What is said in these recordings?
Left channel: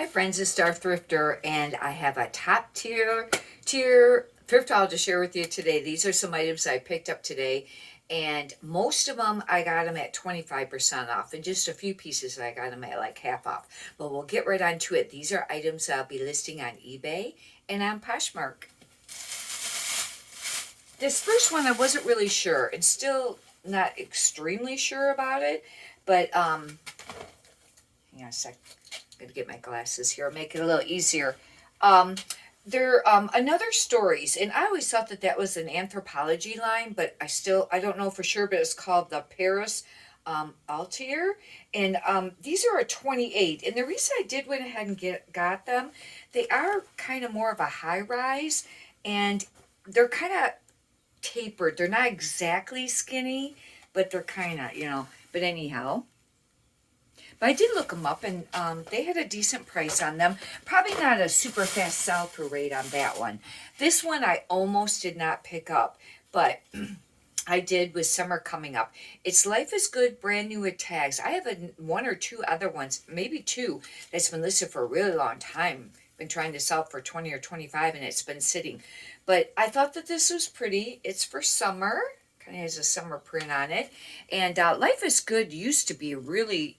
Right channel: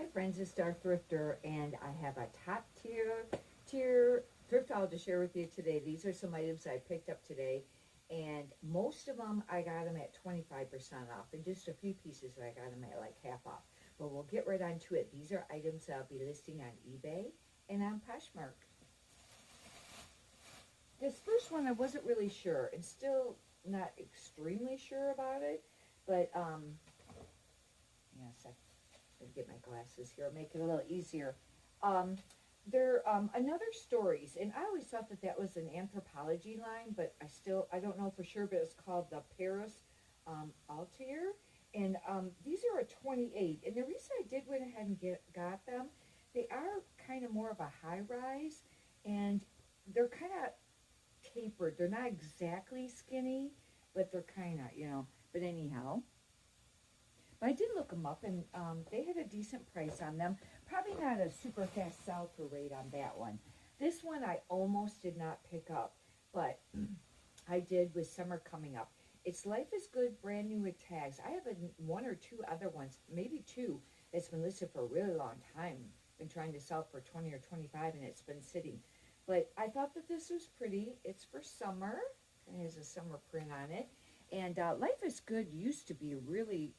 Hi friends, it's Star Thrifter, and I have a top tier thrift haul to share with you today. These are some items I picked up today, and most of them I got them at 25% off, and just a few pieces I got them at like half off. But we'll get right on to it. These are items I'll be listing on eBay and on Poshmark. This first one I wasn't really sure, and still not extremely sure about it, but hang on a sec. I'm gonna get my glasses here, make it a little easier. Um, they're another stories, and I always thought that that was an anthropology line, but I don't know for sure. But it's called the Paris Altier, and these are a 28. And the reason I did went ahead and got them, they are kind of more of a high rise, and they're kind of tapered. They're not exactly skinny, but they're kind of But anyhow. But I did look them up, and they had a decent price on them. Probably not a super fast sell-through rate on that one. This one I almost did not pick up, but I did with summer coming up. It's Life is Good, brand new with tags. I have one or two other ones, maybe two, that's been listed for a really long time. Been trying to sell it for 20 or 25, and it's been sitting. But I thought that this was pretty. It's for summer. Kind of has a summer print on it. And Life is Good used to be really,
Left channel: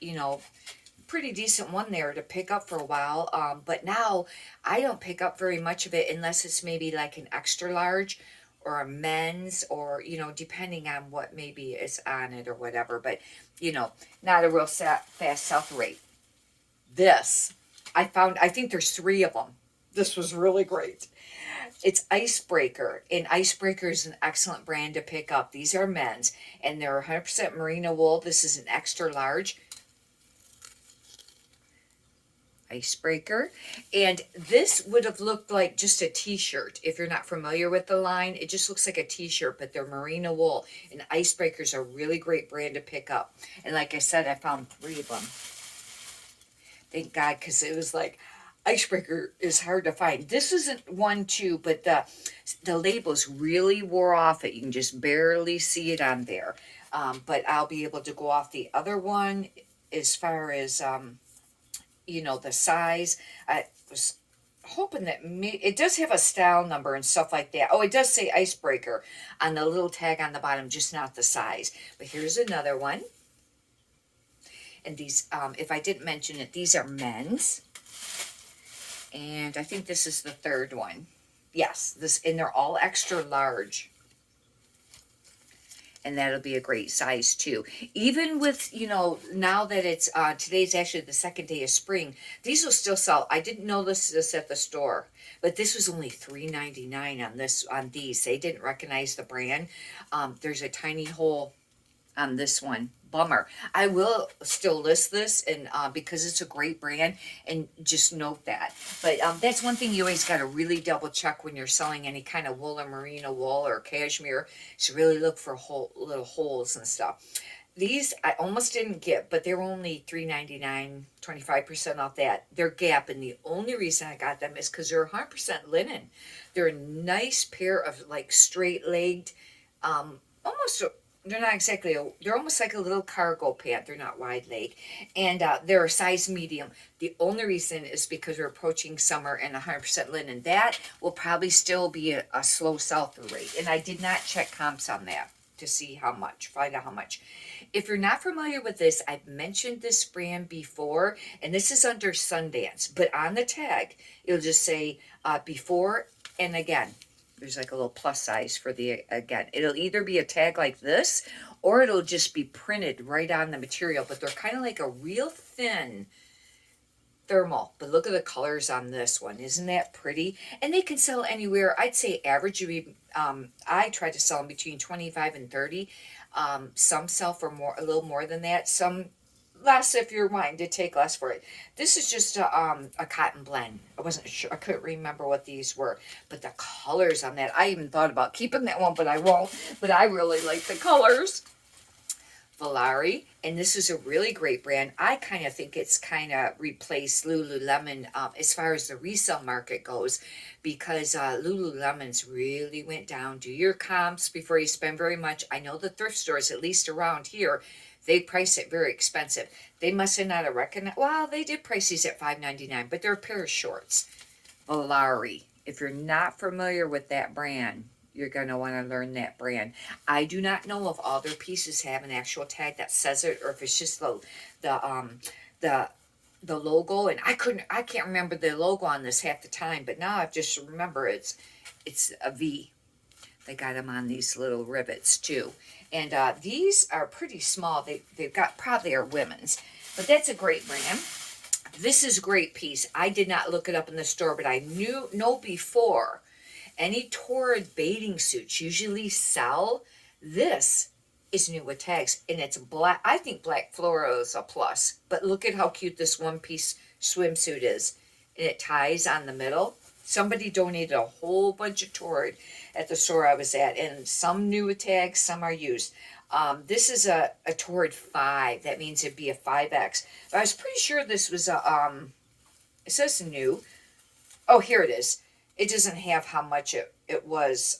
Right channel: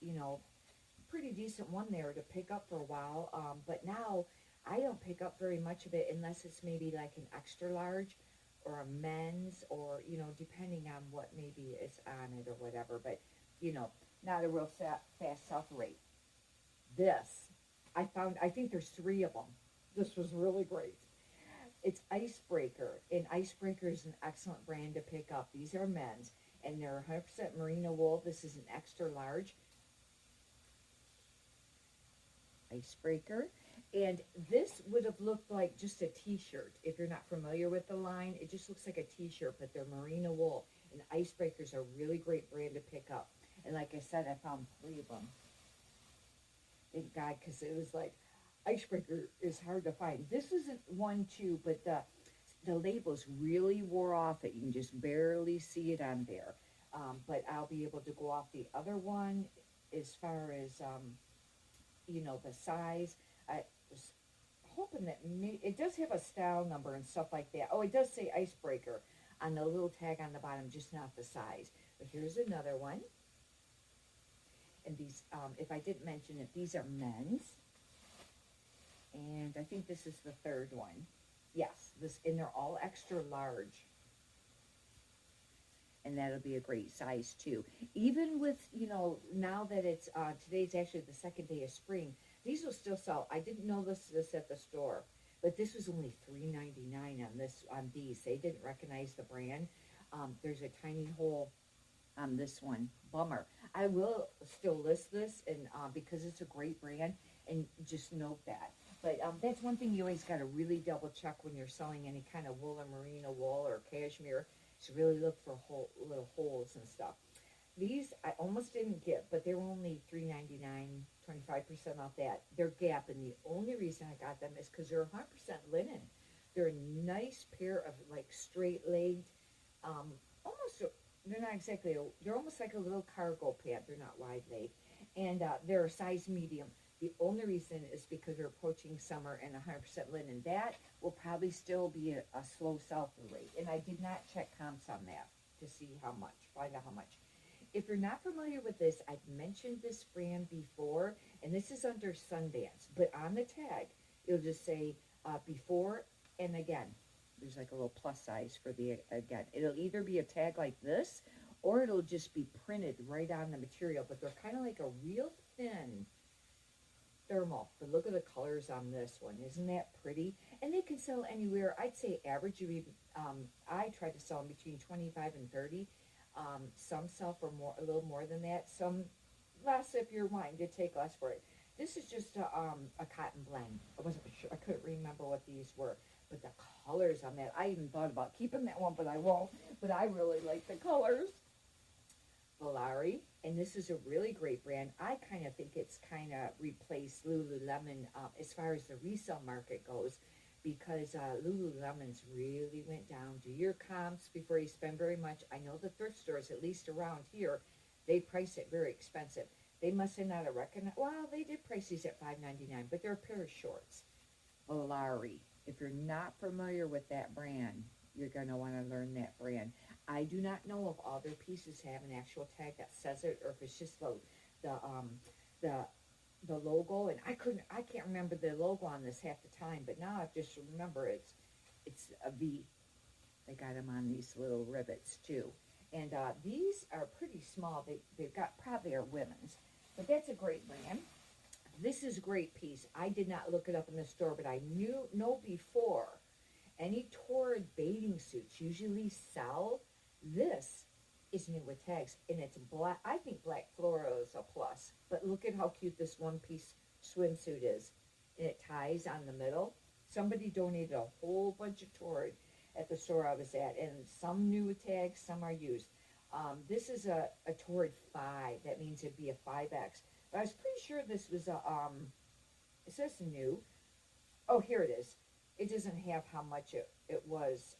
pretty decent one there to pick up for a while. But now I don't pick up very much of it unless it's maybe like an extra large or a men's, or, depending on what maybe is on it or whatever. But, not a real fast sell rate. This, I think there's three of them. This was really great. It's Icebreaker, and Icebreaker is an excellent brand to pick up. These are men's, and they're 100% merino wool. This is an extra large Icebreaker, and this would have looked like just a t-shirt. If you're not familiar with the line, it just looks like a t-shirt, but they're merino wool, and Icebreaker's a really great brand to pick up. And like I said, I found three of them. Thank God, because it was like, Icebreaker is hard to find. This isn't one too, but the labels really wore off it. You can just barely see it on there. But I'll be able to go off the other one as far as the size. I was hoping that it does have a style number and stuff like that. Oh, it does say Icebreaker on the little tag on the bottom, just not the size. But here's another one. And these, if I didn't mention it, these are men's. And I think this is the third one. Yes, and they're all extra large. And that'll be a great size too. Even with, now that it's, today's actually the second day of spring, these will still sell. I didn't know this at the store, but this was only $3.99 on these. They didn't recognize the brand. There's a tiny hole on this one. Bummer. I will still list this, and because it's a great brand, and just note that. But that's one thing you always got to really double check when you're selling any kind of wool or merino wool or cashmere, to really look for little holes and stuff. These I almost didn't get, but they're only $3.99, 25% off that. They're Gap, and the only reason I got them is because they're 100% linen. They're a nice pair of like straight-legged, almost they're not exactly, they're almost like a little cargo pant. They're not wide leg. And they're a size medium. The only reason is because we're approaching summer, and 100% linen. That will probably still be a slow sell-through rate. And I did not check comps on that to see find out how much. If you're not familiar with this, I've mentioned this brand before, and this is under Sundance. But on the tag, it'll just say before and again. There's like a little plus size for again. It'll either be a tag like this, or it'll just be printed right on the material. But they're kind of like a real thin thermal. But look at the colors on this one. Isn't that pretty? And they can sell anywhere. I'd say average would be, I try to sell them between 25 and 30. Some sell for a little more than that. Some less if you're wanting to take less for it. This is just a cotton blend. I wasn't sure. I couldn't remember what these were. But the colors on that, I even thought about keeping that one, but I won't. But I really like the colors. Valari, and this is a really great brand. I kind of think it's kind of replaced Lululemon as far as the resale market goes, because Lululemon's really went down. Do your comps before you spend very much. I know the thrift stores, at least around here, they price it very expensive. They must have not have recognized. Well, they did price these at $5.99, but they're a pair of shorts. Valari. If you're not familiar with that brand, you're gonna want to learn that brand. I do not know if all their pieces have an actual tag that says it, or if it's just the the the logo. And I can't remember the logo on this half the time, but now I just remember it's a V. They got them on these little rivets too, and these are pretty small. They've got probably are women's, but that's a great brand. This is a great piece. I did not look it up in the store, but I know before any Torrid bathing suits usually sell. This is new with tags, and it's black. I think black fluoro is a plus, but look at how cute this one piece swimsuit is, and it ties on the middle. Somebody donated a whole bunch of Torrid at the store I was at, and some new with tags, some are used. This is a Torrid 5. That means it'd be a 5X. But I was pretty sure this was it says new. Oh, here it is. It doesn't have how much it was.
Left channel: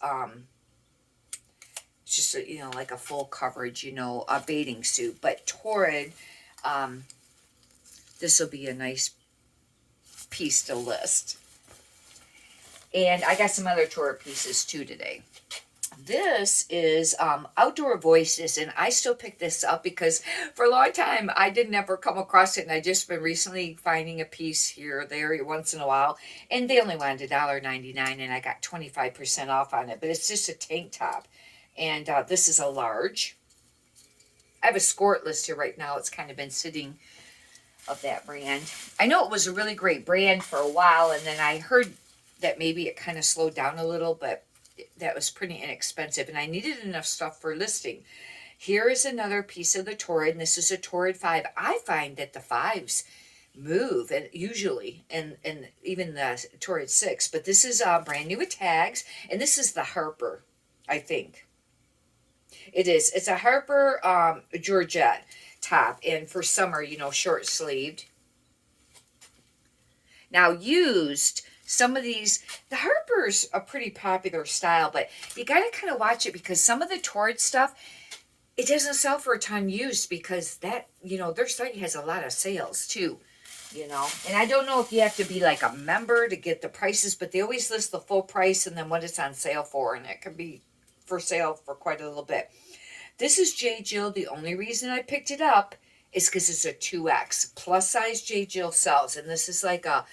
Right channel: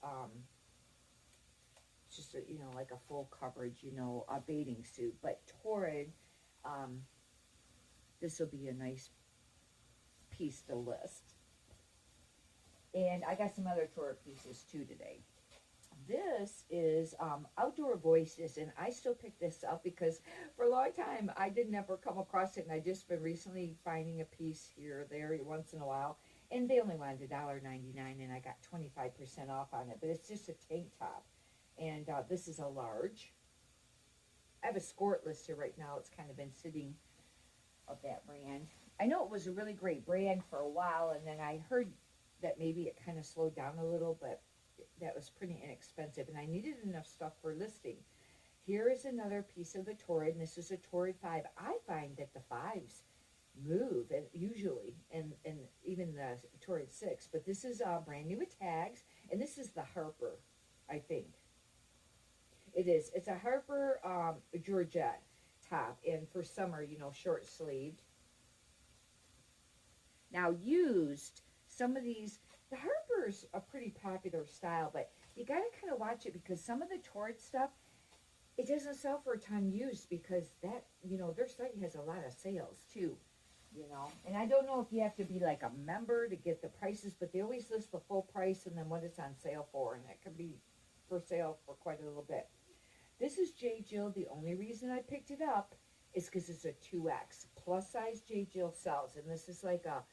It's just, like a full coverage, a bathing suit. But Torrid, this will be a nice piece to list. And I got some other Torrid pieces too today. This is Outdoor Voices, and I still pick this up because for a long time I didn't ever come across it, and I just been recently finding a piece here or there once in a while, and they only wanted $1.99, and I got 25% off on it. But it's just a tank top, and this is a large. I have a skort list here right now. It's kind of been sitting of that brand. I know it was a really great brand for a while, and then I heard that maybe it kind of slowed down a little, but that was pretty inexpensive, and I needed enough stuff for listing. Here is another piece of the Torrid, and this is a Torrid 5. I find that the 5s move, and usually, and even the Torrid 6, but this is brand new with tags, and this is the Harper, I think. It is. It's a Harper Georgette top, and for summer, short sleeved. Now used, some of these, the Harper's a pretty popular style, but you got to kind of watch it because some of the Torrid stuff, it doesn't sell for a ton used because that, their site has a lot of sales too, And I don't know if you have to be like a member to get the prices, but they always list the full price and then what it's on sale for, and it can be for sale for quite a little bit. This is J. Jill. The only reason I picked it up is because it's a 2X. Plus size J. Jill sells, and this is like a,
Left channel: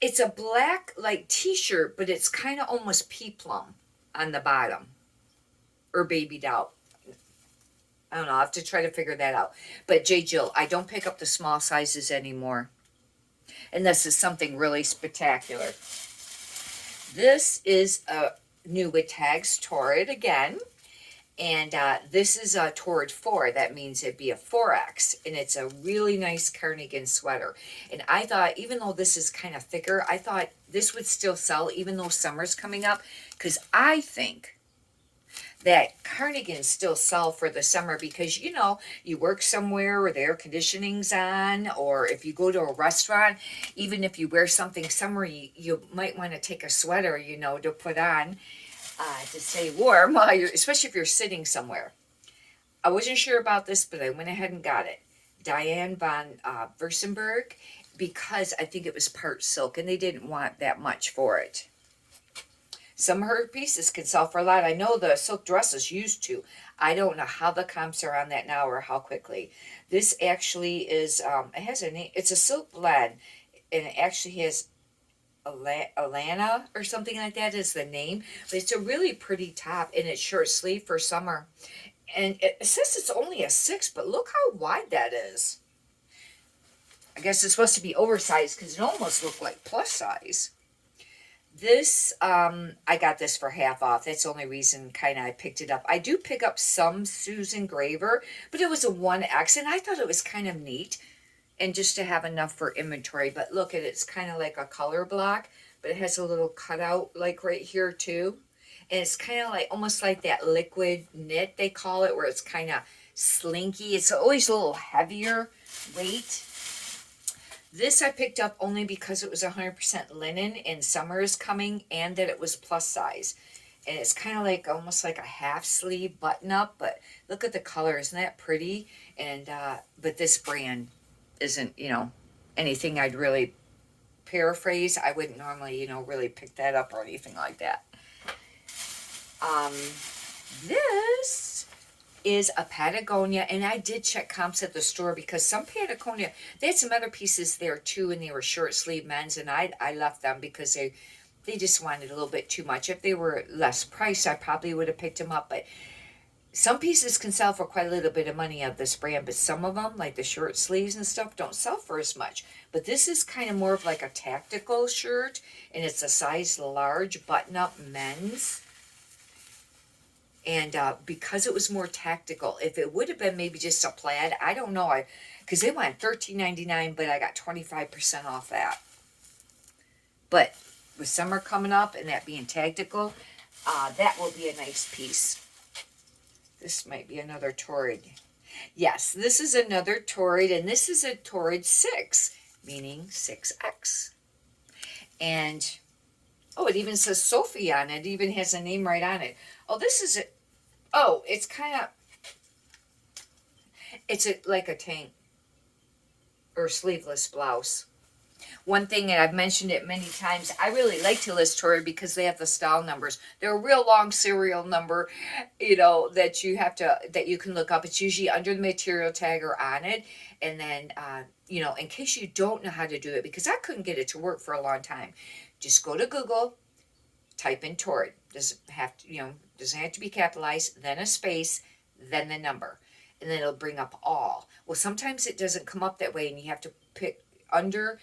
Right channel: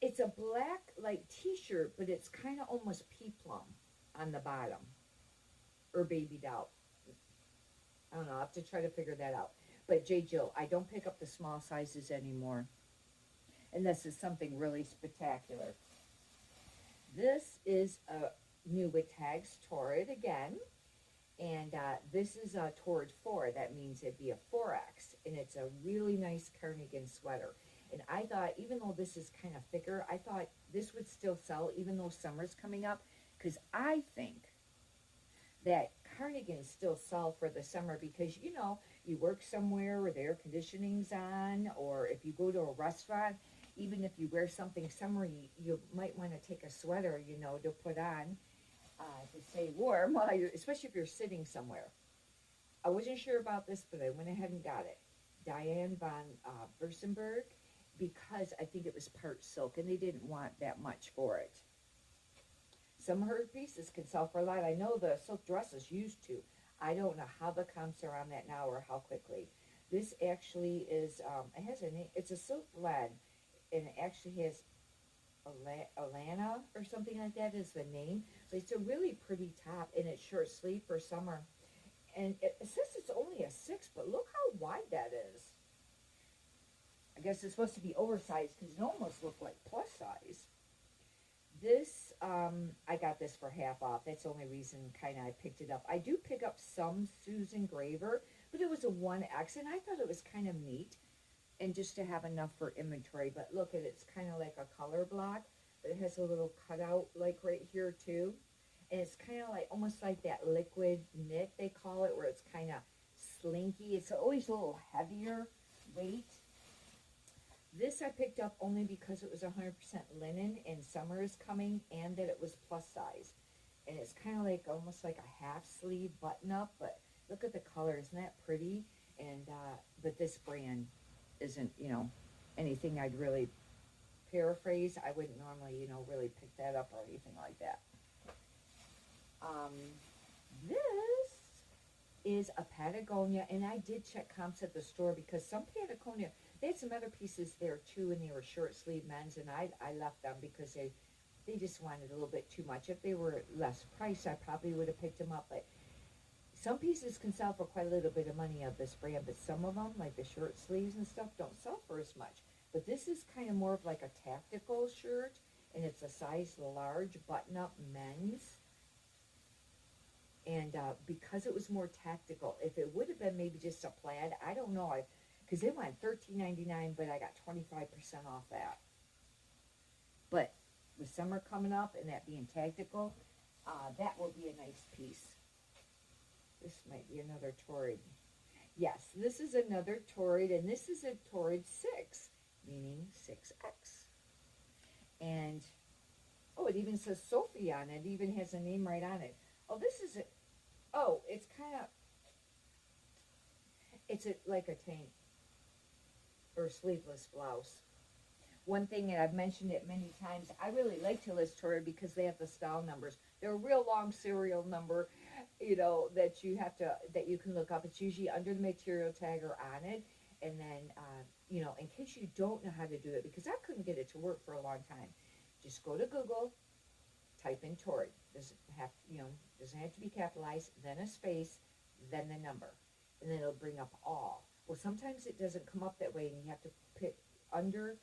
it's a black like t-shirt, but it's kind of almost peplum on the bottom, or babied out. I don't know. I have to try to figure that out. But J. Jill, I don't pick up the small sizes anymore, and this is something really spectacular. This is a new with tags Torrid again. And this is a Torrid 4. That means it'd be a 4X. And it's a really nice cardigan sweater. And I thought, even though this is kind of thicker, I thought this would still sell even though summer's coming up. Because I think that cardigans still sell for the summer because, you work somewhere where the air conditioning's on. Or if you go to a restaurant, even if you wear something summery, you might want to take a sweater, to put on. To stay warm, especially if you're sitting somewhere. I wasn't sure about this, but I went ahead and got it. Diane von Versenberg, because I think it was part silk, and they didn't want that much for it. Some of her pieces can sell for a lot. I know the silk dresses used to. I don't know how the comps are on that now or how quickly. This actually is, it has a name. It's a silk blend, and it actually has Alana or something like that is the name, but it's a really pretty top, and it's short sleeve for summer, and it says it's only a 6, but look how wide that is. I guess it's supposed to be oversized because it almost looked like plus size. This I got this for half off. That's the only reason kind of I picked it up. I do pick up some Susan Graver, but it was a 1X, and I thought it was kind of neat and just to have enough for inventory. But look at it, it's kind of like a color block, but it has a little cutout like right here too, and it's kind of like almost like that liquid knit they call it, where it's kind of slinky. It's always a little heavier weight. This I picked up only because it was 100% linen and summer is coming, and that it was plus size, and it's kind of like almost like a half sleeve button up. But look at the color, isn't that pretty? And, but this brand isn't, anything I'd really paraphrase. I wouldn't normally, really pick that up or anything like that. Um, this is a Patagonia, and I did check comps at the store because some Patagonia, they had some other pieces there too, and they were short sleeve men's, and I left them because they just wanted a little bit too much. If they were less priced, I probably would have picked them up, but some pieces can sell for quite a little bit of money of this brand, but some of them, like the short sleeves and stuff, don't sell for as much. But this is kind of more of like a tactical shirt, and it's a size large button-up men's. And because it was more tactical, if it would have been maybe just a plaid, I don't know, because they went $13.99, but I got 25% off that. But with summer coming up and that being tactical, that will be a nice piece. This might be another Torrid. Yes, this is another Torrid, and this is a Torrid 6, meaning 6X. And, oh, it even says Sophie on it. It even has a name right on it. Oh, this is it. Oh, it's kind of, like a tank or sleeveless blouse. One thing, and I've mentioned it many times, I really like to list Torrid because they have the style numbers. They're a real long serial number, that you can look up. It's usually under the material tag or on it. And then, in case you don't know how to do it, because I couldn't get it to work for a long time, just go to Google, type in Torrid. Doesn't have to be capitalized, then a space, then the number. And then it'll bring up all. Well, sometimes it doesn't come up that way, and you have to pick under,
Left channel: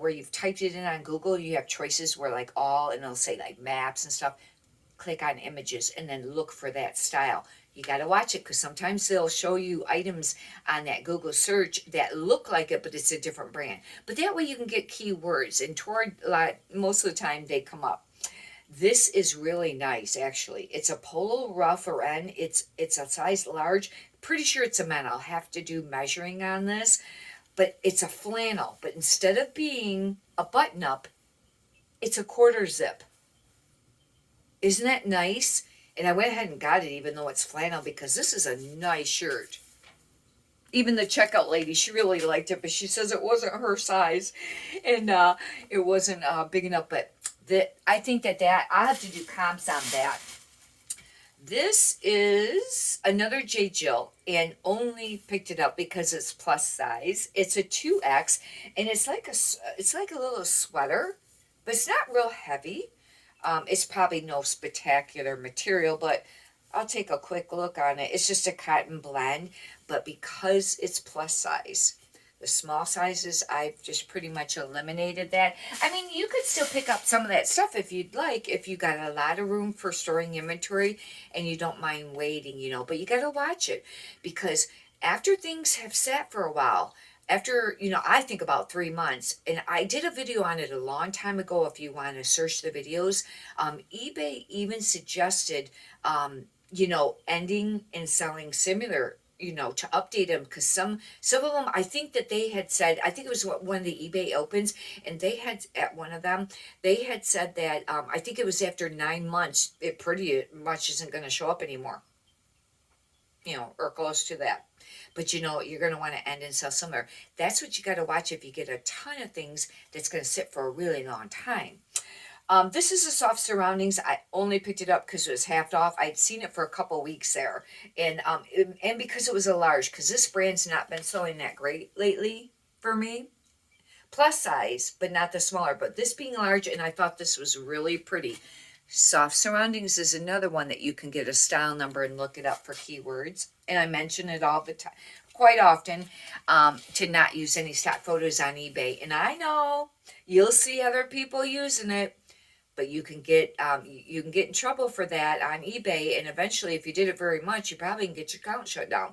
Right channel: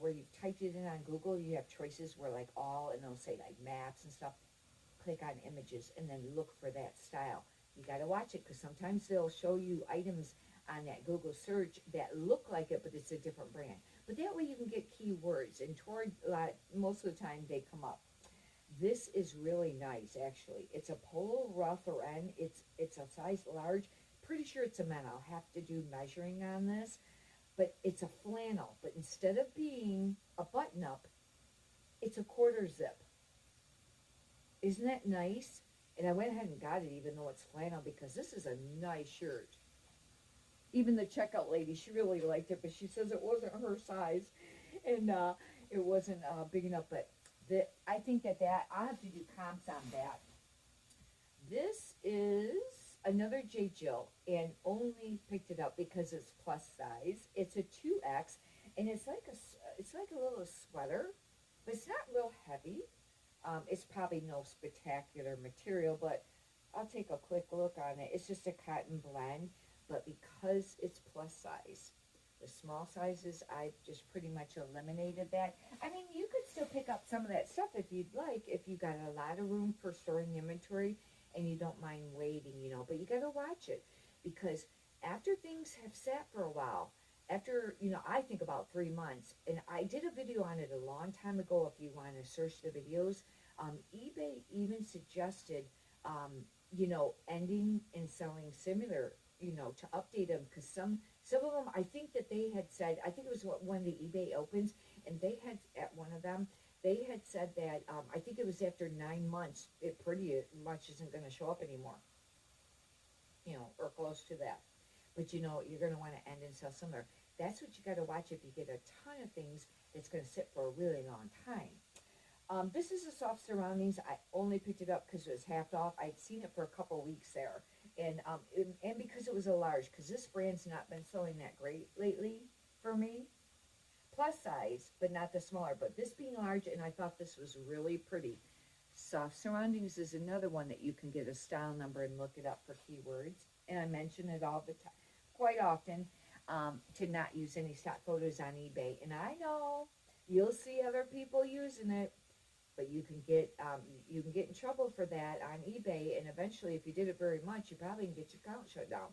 where you've typed it in on Google, you have choices where like all, and it'll say like maps and stuff. Click on images and then look for that style. You got to watch it because sometimes they'll show you items on that Google search that look like it, but it's a different brand. But that way you can get keywords, and toward most of the time they come up. This is really nice, actually. It's a polo ruff or N. It's a size large. Pretty sure it's a men. I'll have to do measuring on this. But it's a flannel. But instead of being a button-up, it's a quarter zip. Isn't that nice? And I went ahead and got it even though it's flannel because this is a nice shirt. Even the checkout lady, she really liked it, but she says it wasn't her size. And it wasn't big enough. But I think that I'll have to do comps on that. This is another J. Jill, and only picked it up because it's plus size. It's a 2X, and it's like a little sweater, but it's not real heavy. It's probably no spectacular material, but I'll take a quick look on it. It's just a cotton blend, but because it's plus size, the small sizes, I've just pretty much eliminated that. I mean, you could still pick up some of that stuff if you'd like, if you got a lot of room for storing inventory and you don't mind waiting, but you got to watch it because after things have sat for a while, after, I think about 3 months, and I did a video on it a long time ago if you want to search the videos. eBay even suggested, ending and selling similar, to update them because some of them, I think that they had said, I think it was one of the eBay opens, and they had at one of them, they had said that I think it was after 9 months, it pretty much isn't going to show up anymore, or close to that. But you're going to want to end and sell somewhere. That's what you got to watch if you get a ton of things that's going to sit for a really long time. This is a Soft Surroundings. I only picked it up because it was half off. I'd seen it for a couple weeks there. And because it was a large, because this brand's not been selling that great lately for me. Plus size, but not the smaller. But this being large, and I thought this was really pretty. Soft Surroundings is another one that you can get a style number and look it up for keywords. And I mention it all the time, quite often, to not use any stock photos on eBay. And I know you'll see other people using it, but you can get in trouble for that on eBay, and eventually, if you did it very much, you probably can get your account shut down.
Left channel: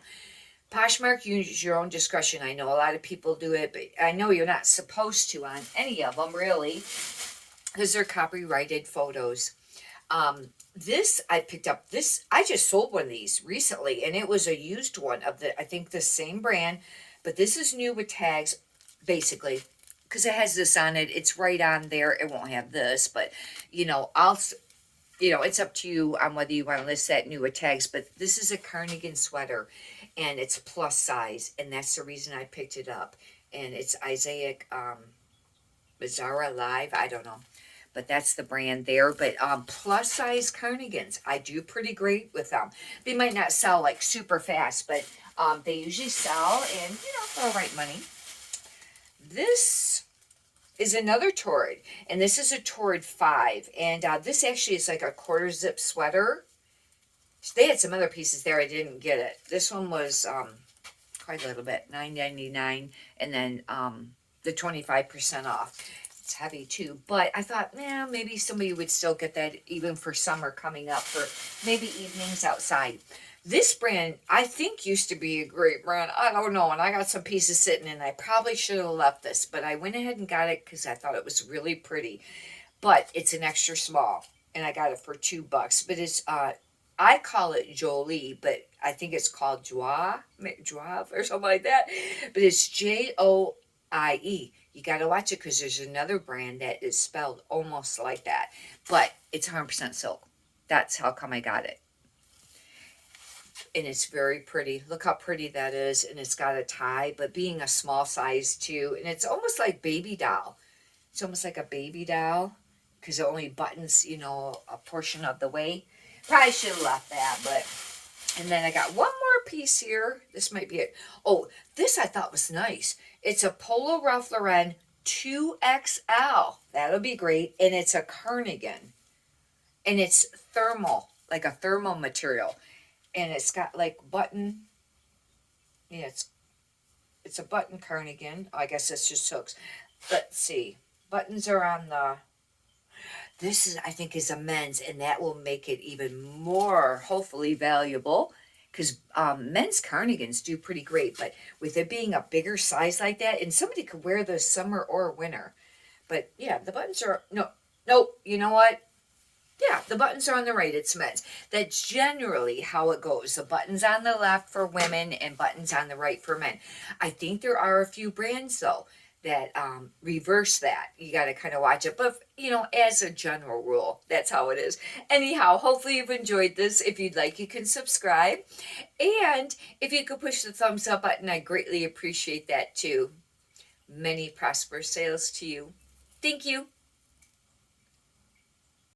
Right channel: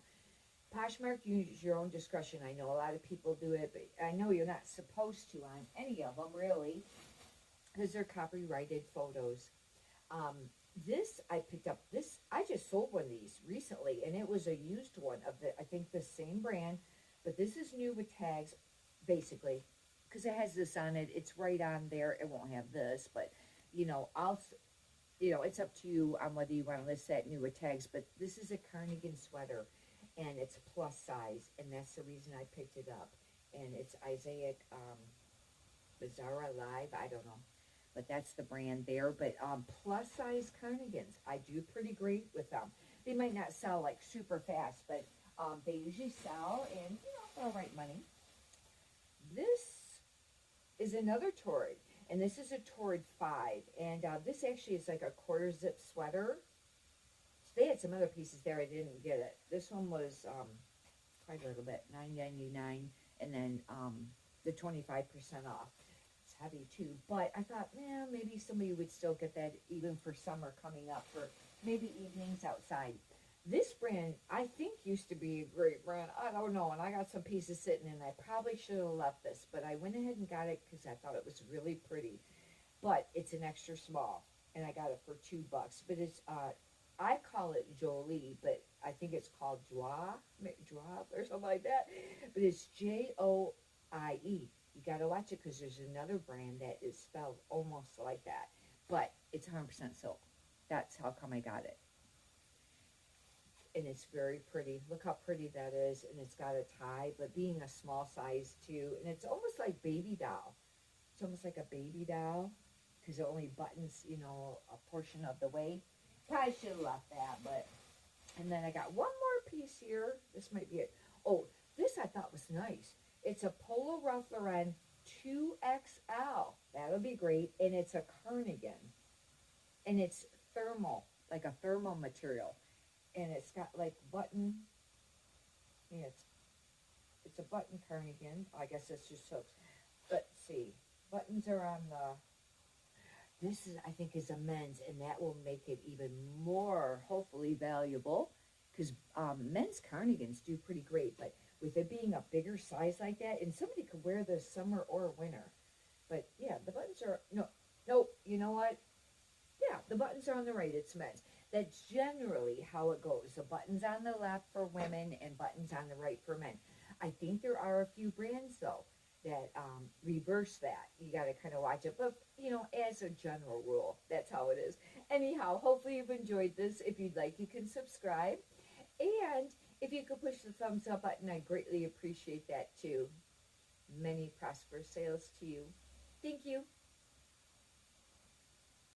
Poshmark, you use your own discretion. I know a lot of people do it, but I know you're not supposed to on any of them, really, because they're copyrighted photos. This, I picked up, I just sold one of these recently, and it was a used one of I think the same brand, but this is new with tags, basically. Because it has this on it, it's right on there. It won't have this, but it's up to you on whether you want to list that new with tags. But this is a cardigan sweater, and it's plus size, and that's the reason I picked it up. And it's Isaiah Bizarra Live. I don't know, but that's the brand there. But plus size cardigans, I do pretty great with them. They might not sell like super fast, but they usually sell, and for all right money. This is another Torrid, and this is a Torrid 5, and this actually is like a quarter zip sweater. They had some other pieces there, I didn't get it. This one was quite a little bit, $9.99, and then the 25% off. It's heavy too, but I thought, man, maybe somebody would still get that even for summer coming up, for maybe evenings outside. This brand, I think, used to be a great brand. I don't know, and I got some pieces sitting, and I probably should have left this, but I went ahead and got it because I thought it was really pretty. But it's an extra small, and I got it for $2. But it's I call it Jolie, but I think it's called Joie, or something like that. But it's Joie. You got to watch it because there's another brand that is spelled almost like that, but it's 100% silk. That's how come I got it. And it's very pretty. Look how pretty that is, and it's got a tie, but being a small size too, and it's almost like baby doll. It's almost like a baby doll because it only buttons, a portion of the way. Probably should have left that, but. And then I got one more piece here. This might be it. Oh, this I thought was nice. It's a Polo Ralph Lauren 2XL. That'll be great. And it's a cardigan. And it's thermal, like a thermal material. And it's got like button. Yeah, it's a button cardigan. I guess it's just hooks. Let's see. Buttons are on the. This is, I think, is a men's, and that will make it even more, hopefully, valuable, because men's cardigans do pretty great. But with it being a bigger size like that, and somebody could wear this summer or winter. But yeah, the buttons are no. You know what? Yeah, the buttons are on the right. It's men's. That's generally how it goes. The buttons on the left for women and buttons on the right for men. I think there are a few brands though that reverse that. You got to kind of watch it. But as a general rule, that's how it is. Anyhow, hopefully you've enjoyed this. If you'd like, you can subscribe. And if you could push the thumbs up button, I greatly appreciate that too. Many prosperous sales to you. Thank you.